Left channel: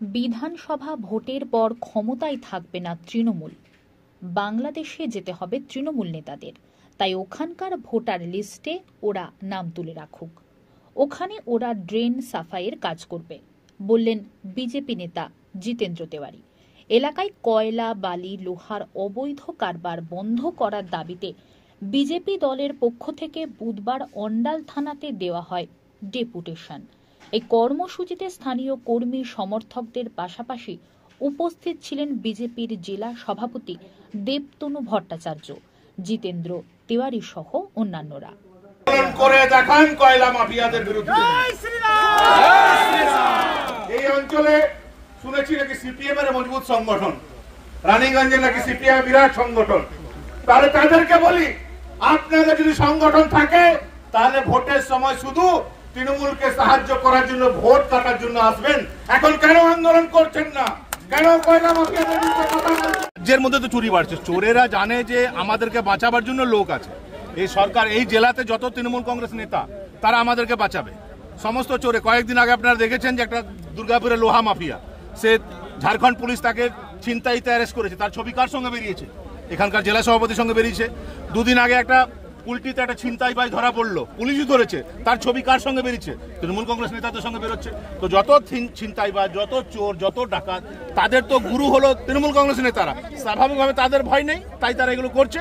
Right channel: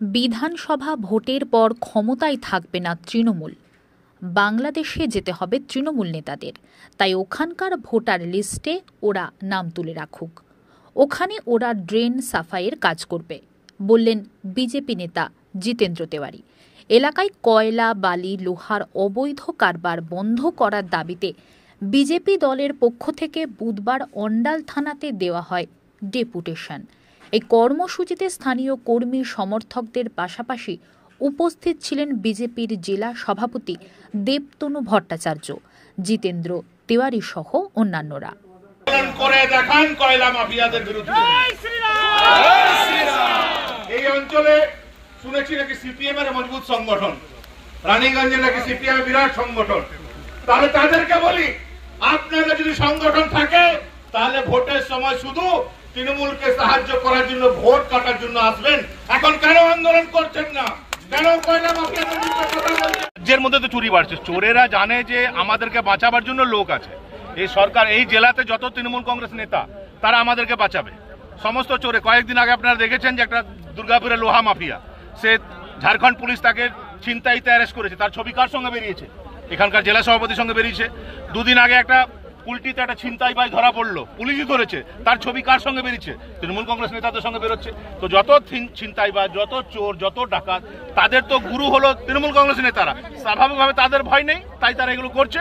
বিধানসভা ভোটের পর ক্ষমতায় থাকবে না তৃণমূল। বাংলাদেশে যেতে হবে তৃণমূল নেতাদের, তাই ওখানকার ভোটার লিস্টে ওরা নাম তুলে রাখুক। ওখানে ওরা ড্রেন সাফাইয়ের কাজ করবে, বললেন বিজেপি নেতা জিতেন্দ্র তেওয়ারি। এলাকায় কয়লা, বালি, লোহার অবৈধ কারবার বন্ধ করার দাবিতে বিজেপি দলের পক্ষ থেকে বুধবার অন্ডাল থানাতে দেওয়া হয় ডেপুটেশন। এই কর্মসূচিতে স্থানীয় কর্মী সমর্থকদের পাশাপাশি উপস্থিত ছিলেন বিজেপির জেলা সভাপতি দেবতনু ভট্টাচার্য, জিতেন্দ্র তেওয়ারি সহ অন্যান্যরা। এই অঞ্চলে শুনেছি নাকি সিপিএম এর মজবুত সংগঠন, রানীগঞ্জে নাকি সিপিএম বিরাট সংগঠন। তাহলে তাদেরকে বলি, আপনাদের যদি সংগঠন থাকে তাহলে ভোটের সময় শুধু তৃণমূলকে সাহায্য করার জন্য, ভোট কাটার জন্য আসবেন। এখন কেন আন্দোলন করছেন না? কেন কয়লা মাফিয়াদের বিরুদ্ধে কথা বলছেন? রাজ্যের মধ্যে তো চুরি বাড়ছে। চোরেরা জানে যে আমাদেরকে বাঁচাবার জন্য লোক আছে। এই সরকার, এই জেলাতে যত তৃণমূল কংগ্রেস নেতা, তারা আমাদেরকে বাঁচাবে। সমস্ত চোরে, কয়েকদিন আগে আপনারা দেখেছেন যে একটা দুর্গাপুরের লোহা মাফিয়া, সে ঝাড়খণ্ড পুলিশ তাকে ছিনতাইতে অ্যারেস্ট করেছে। তার ছবি কার সঙ্গে বেরিয়েছে? এখানকার জেলা সভাপতির সঙ্গে বেরিয়েছে। দুদিন আগে একটা কুলটিতে একটা ছিনতাইবাজ ধরা পড়লো, পুলিশই ধরেছে। তার ছবি কার সঙ্গে বেরিয়েছে? তৃণমূল কংগ্রেস নেতাদের সঙ্গে বেরোচ্ছে। তো যত ছিনতাইবাজ, যত চোর, যত ডাকাত, তাদের তো গুরু হলো তৃণমূল কংগ্রেস নেতারা। স্বাভাবিকভাবে তাদের ভয় নেই, তাই তারা এগুলো করছে।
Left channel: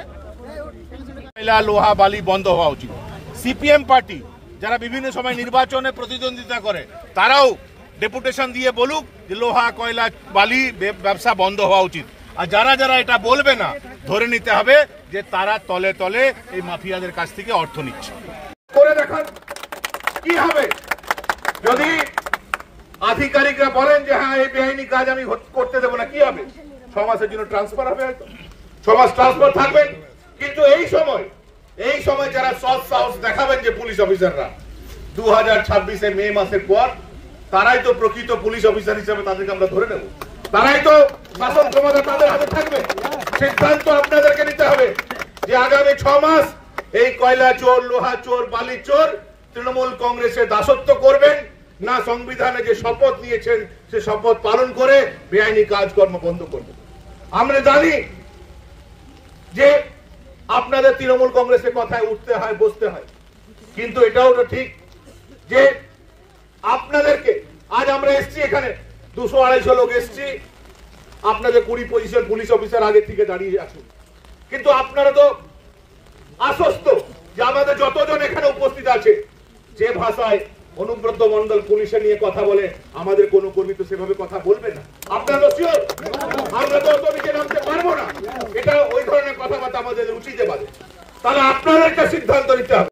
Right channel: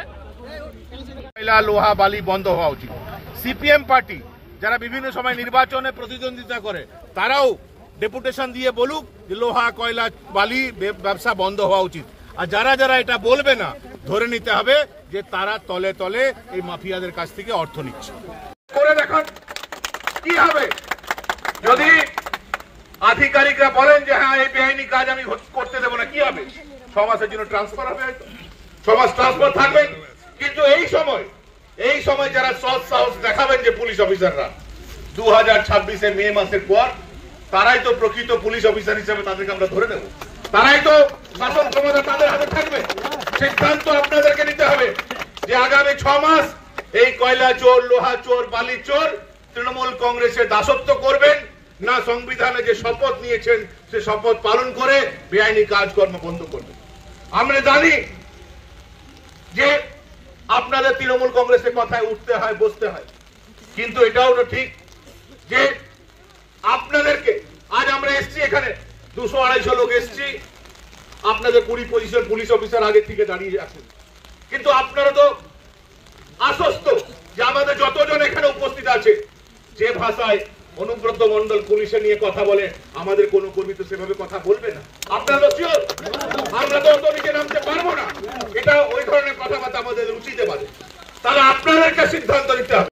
লোহা বালি বন্ধ হওয়া উচিত। সিপিএম পার্টি যারা বিভিন্ন সময় নির্বাচনে প্রতিদ্বন্দ্বিতা করে, তারাও ডেপুটেশন দিয়ে বলুক যে লোহা, কয়লা, বালি ব্যবসা বন্ধ হওয়া উচিত। আর যারা যারা এটা বলবে না, ধরে নিতে হবে যে তারা তলে তলে এই মাফিয়াদের কাছ থেকে অর্থ নিচ্ছে। করে দেখুন কি হবে যদি আধিকারিকরা বলেন যে হ্যাঁ, এই বেআইনি কাজ আমি করতে দেবো না। কি হবে? 6 মাসের জন্য ট্রান্সফার হবে, 6 মাস ট্রান্সফার থাকবে। কিন্তু এই সময় যারা সৎ সাহস দেখাবেন যে পুলিশ অফিসাররা 2026-এর মে মাসের পর, তারাই তো প্রকৃত পুলিশ অফিসার হিসেবে তাদেরকে আমরা ধরে নেব। তারাই তো শাসন ক্ষমতা তাদের হাতে থাকবে। সিদ্ধান্ত আপনাদেরকে নিতে হবে যে আগামী 6 মাস এই কয়লা চোর, লোহা চোর, বালি চোর তৃণমূল কংগ্রেসের দাসত্ব করবেন না সংবিধানে যে শপথ নিয়েছেন সে শপথ পালন করে বেআইনি কাজকর্ম বন্ধ করবেন। আমরা জানি যে আপনাদের তৃণমূল কংগ্রেসের কথায় উঠতে হয়, বসতে হয়, কিন্তু এটাও তো ঠিক যে আপনাদেরকে, আজ আমরা এসছি এখানে 200-250 লোক এসছি, আপনাদের 20-25 পুলিশ অফিসার আগে থেকে দাঁড়িয়ে আছেন। কিন্তু আপনারা তো আশ্বস্ত যে আমাদের যতজন এখানে উপস্থিত আছে, যে ভাষায় অনুব্রত মন্ডল পুলিশে নিয়ে কথা বলে, আমাদের কোনো কর্মী তো সেভাবে কথা বলবে না। আপনারা তো শিওর আমরা তো নিচে নামতে পারবো না। এটা ওই ধরনের কথাবার্তা আমাদের রুচিতে বাজে। তাহলে আপনাদেরকে সিদ্ধান্ত নিতে হবে।